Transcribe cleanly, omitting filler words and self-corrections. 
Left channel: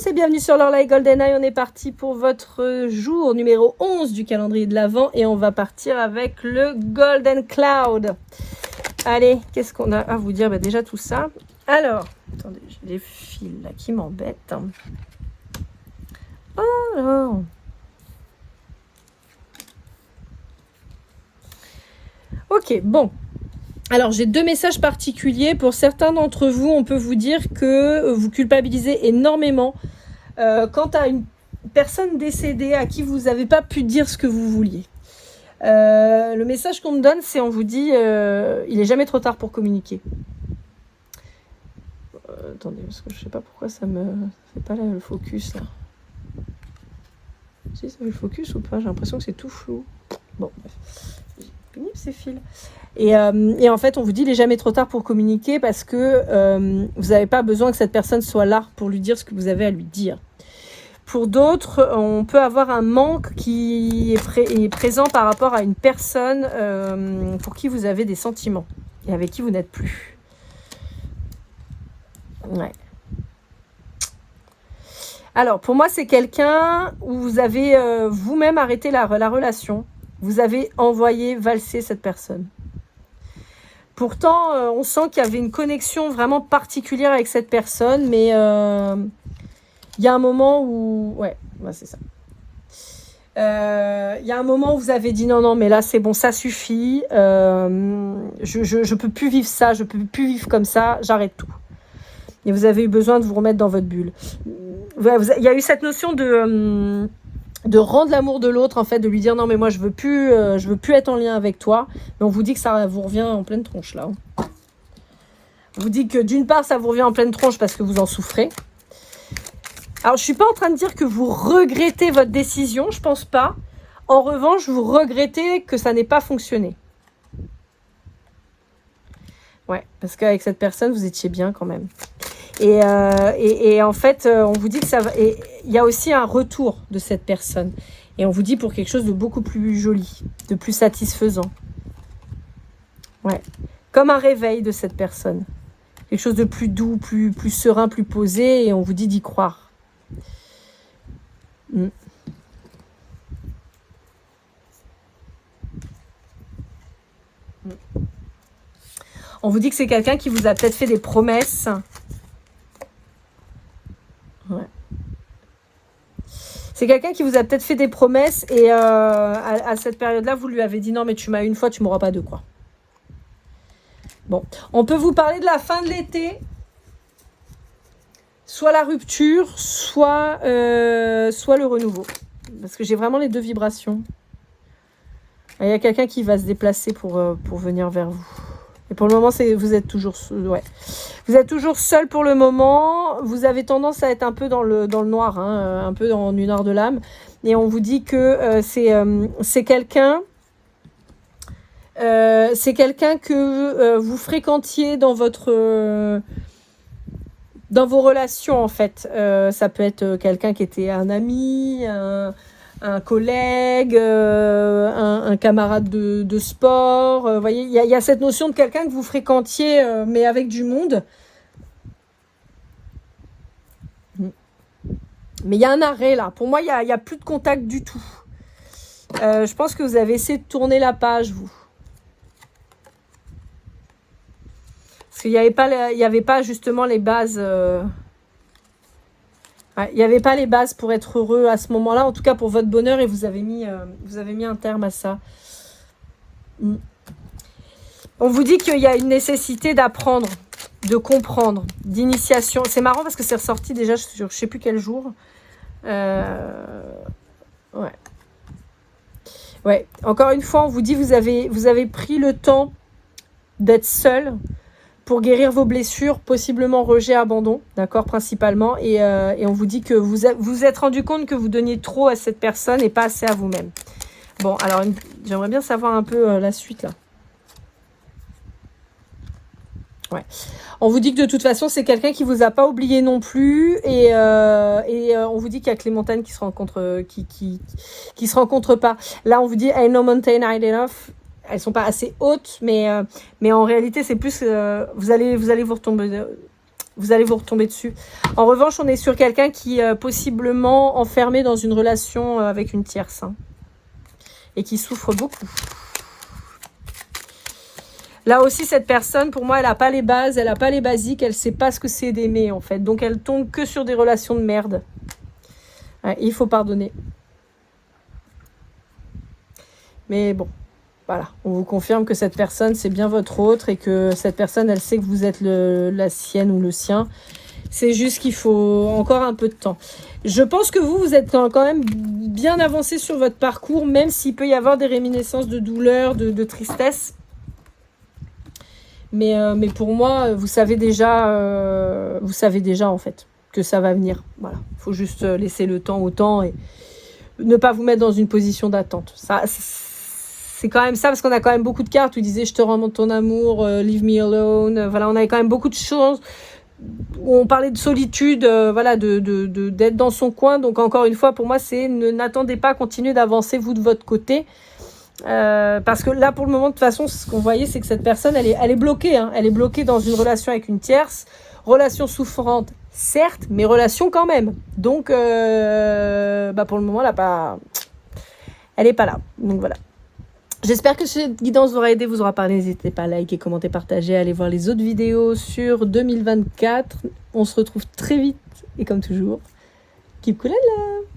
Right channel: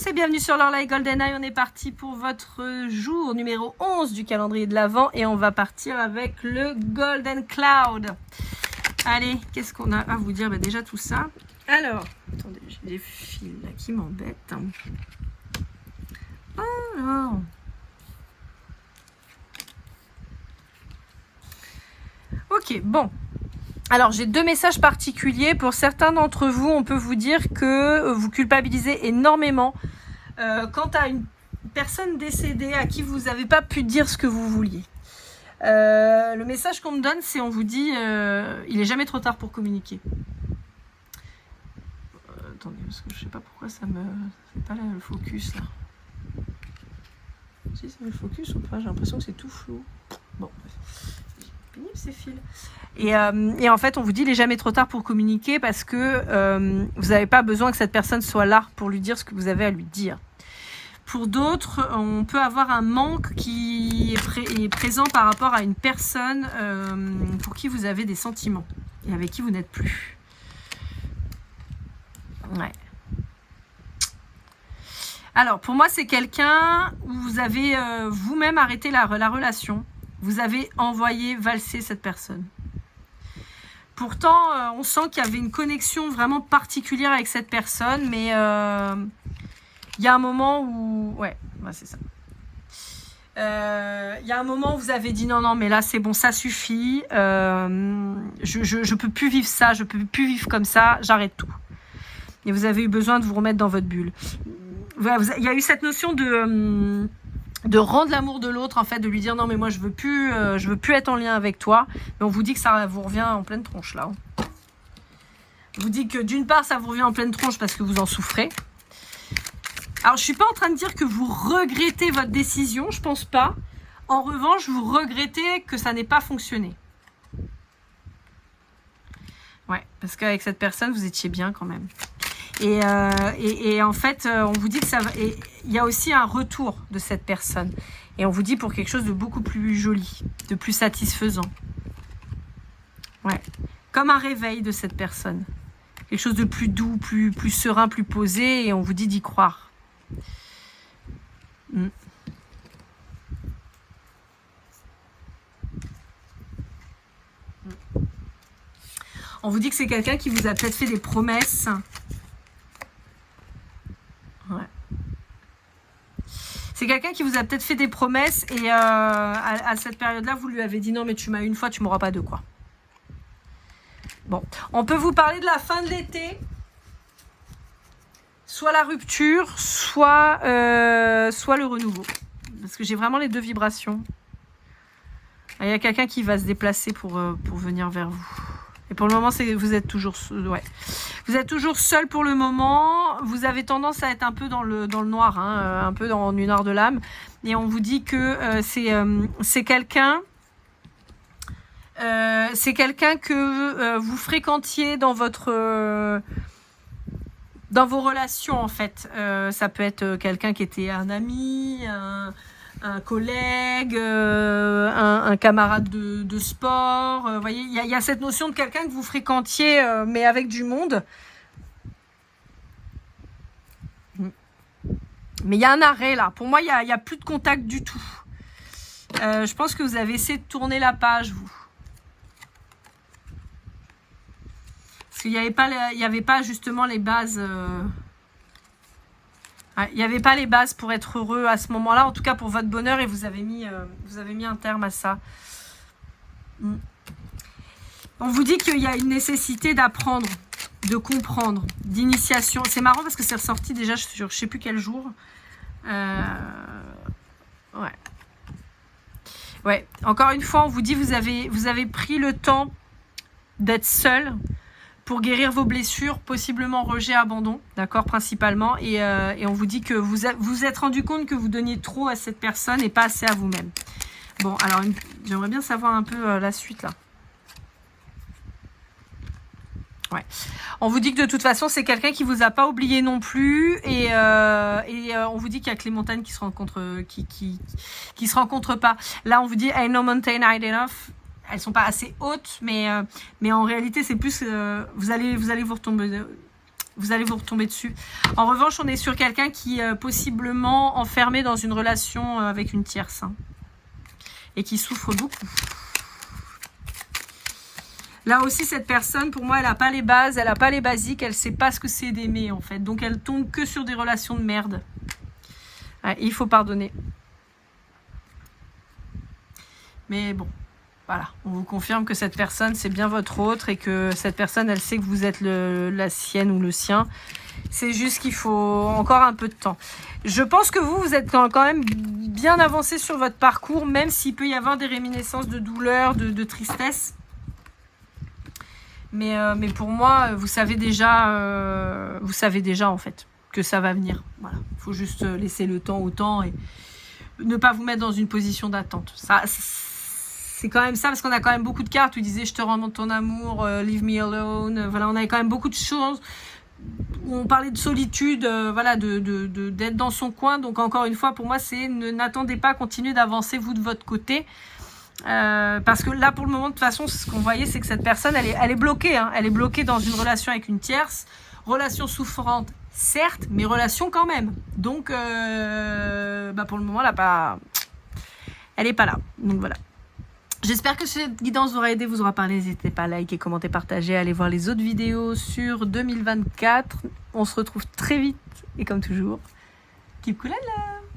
tous et bienvenue sur Lorelai GoldenEye. On est parti pour votre jour numéro 11 du calendrier de l'Avent et on va partir avec le Golden Cloud. Allez, qu'est-ce qu'on a à vous dire? Déjà tout ça. Alors, attendez, j'ai des fils là qui m'embêtent. Alors, ok, bon. Alors, j'ai deux messages particuliers. Pour certains d'entre vous, on peut vous dire que vous culpabilisez énormément quant à une personne décédée à qui vous n'avez pas pu dire ce que vous vouliez. Le message qu'on me donne, c'est on vous dit il est jamais trop tard pour communiquer. Attendez, parce que je sais pas pourquoi ça me... C'est pas là le focus, là. Si, ça fait le focus ou pas? J'ai l'impression que c'est tout flou. Bon, bref. Pénible ces fils. Et en fait, on vous dit il n'est jamais trop tard pour communiquer parce que vous n'avez pas besoin que cette personne soit là pour lui dire ce que vous avez à lui dire. Pour d'autres, on peut avoir un manque qui est présent par rapport à une personne pour qui vous avez des sentiments et avec qui vous n'êtes plus. Ouais. Alors, pour moi, c'est quelqu'un où vous avez vous-même arrêté la relation. Vous avez envoyé valser cette personne. Pourtant, on sent qu'il y avait une connexion vraiment particulière avec cette personne, mais il y a un moment où... Ouais, c'est ça. Il y a un moment où vous avez dit non, mais là, c'est bon, ça suffit. Je peux plus vivre ça, je peux plus vivre comme ça, j'arrête tout. Et vous avez eu besoin de vous remettre dans votre bulle. Il y a eu cette notion de rendre l'amour de l'autre, en fait, de lui dire non mais moi je veux plus être en lien avec toi, mais on vous dit que ça vous revient en pleine tronche là. On vous dit que d'une part ça vous revient en pleine tronche parce que vous en souffrez. Alors je suis pas en train de dire que vous regrettez votre décision, je pense pas. En revanche, vous regrettez que ça n'ait pas fonctionné. Ouais, parce qu'avec cette personne vous étiez bien quand même. Et en fait, on vous dit que ça va. Et il y a aussi un retour de cette personne. Et on vous dit pour quelque chose de beaucoup plus joli, de plus satisfaisant. Ouais. Comme un réveil de cette personne. Quelque chose de plus doux, plus serein, plus posé. Et on vous dit d'y croire. On vous dit que c'est quelqu'un qui vous a peut-être fait des promesses. Ouais. C'est quelqu'un qui vous a peut-être fait des promesses et à cette période-là, vous lui avez dit non mais tu m'as une fois, tu m'auras pas deux quoi. Bon, on peut vous parler de la fin de l'été, soit la rupture, soit le renouveau. Parce que j'ai vraiment les deux vibrations. Il y a quelqu'un qui va se déplacer pour venir vers vous. Et pour le moment, vous êtes toujours seul pour le moment. Vous avez tendance à être un peu dans le noir, hein, un peu dans une noire de l'âme. Et on vous dit que c'est quelqu'un que vous fréquentiez dans vos relations en fait. Ça peut être quelqu'un qui était un ami, un collègue, un camarade de sport. Vous voyez, il y a cette notion de quelqu'un que vous fréquentiez, mais avec du monde. Mais il y a un arrêt là. Pour moi, il y a plus de contact du tout. Je pense que vous avez essayé de tourner la page, vous. Parce qu'il n'y avait pas justement les bases... Il n'y avait pas les bases pour être heureux à ce moment-là, en tout cas pour votre bonheur, et vous avez mis un terme à ça. On vous dit qu'il y a une nécessité d'apprendre, de comprendre, d'initiation. C'est marrant parce que c'est ressorti déjà sur je ne sais plus quel jour. Ouais. Encore une fois, on vous dit vous avez pris le temps d'être seul pour guérir vos blessures, possiblement rejet, abandon, d'accord, principalement. Et on vous dit que vous êtes rendu compte que vous donniez trop à cette personne et pas assez à vous-même. Bon, alors, j'aimerais bien savoir un peu la suite, là. Ouais. On vous dit que de toute façon, c'est quelqu'un qui vous a pas oublié non plus. Et on vous dit qu'il y a que les montagnes qui se rencontrent, qui se rencontrent pas. Là, on vous dit, ain't no mountain high enough. Elles sont pas assez hautes, mais en réalité, c'est plus... vous allez vous retomber... Vous allez vous retomber dessus. En revanche, on est sur quelqu'un qui est possiblement enfermé dans une relation avec une tierce. Hein, et qui souffre beaucoup. Là aussi, cette personne, pour moi, elle n'a pas les bases, elle n'a pas les basiques, elle ne sait pas ce que c'est d'aimer, en fait. Donc, elle tombe que sur des relations de merde. Ouais, il faut pardonner. Mais bon, voilà. On vous confirme que cette personne, c'est bien votre autre et que cette personne, elle sait que vous êtes la sienne ou le sien. C'est juste qu'il faut encore un peu de temps. Je pense que vous êtes quand même bien avancé sur votre parcours, même s'il peut y avoir des réminiscences de douleur, de tristesse. Mais pour moi, vous savez déjà en fait que ça va venir. Voilà, faut juste laisser le temps au temps et ne pas vous mettre dans une position d'attente. Ça, c'est quand même ça, parce qu'on a quand même beaucoup de cartes où il disait je te rends ton amour, leave me alone. Voilà, on avait quand même beaucoup de choses où on parlait de solitude, voilà, d'être dans son coin. Donc encore une fois, pour moi, c'est n'attendez pas, continuez d'avancer vous de votre côté. Parce que là pour le moment de toute façon ce qu'on voyait c'est que cette personne elle est bloquée hein. Elle est bloquée dans une relation avec une tierce, relation souffrante certes mais relation quand même, donc pour le moment elle est pas là, donc voilà. J'espère que cette guidance vous aura aidé, vous aura parlé. N'hésitez pas à liker, commenter, partager, allez voir les autres vidéos sur 2024. On se retrouve très vite et comme toujours keep cool and love.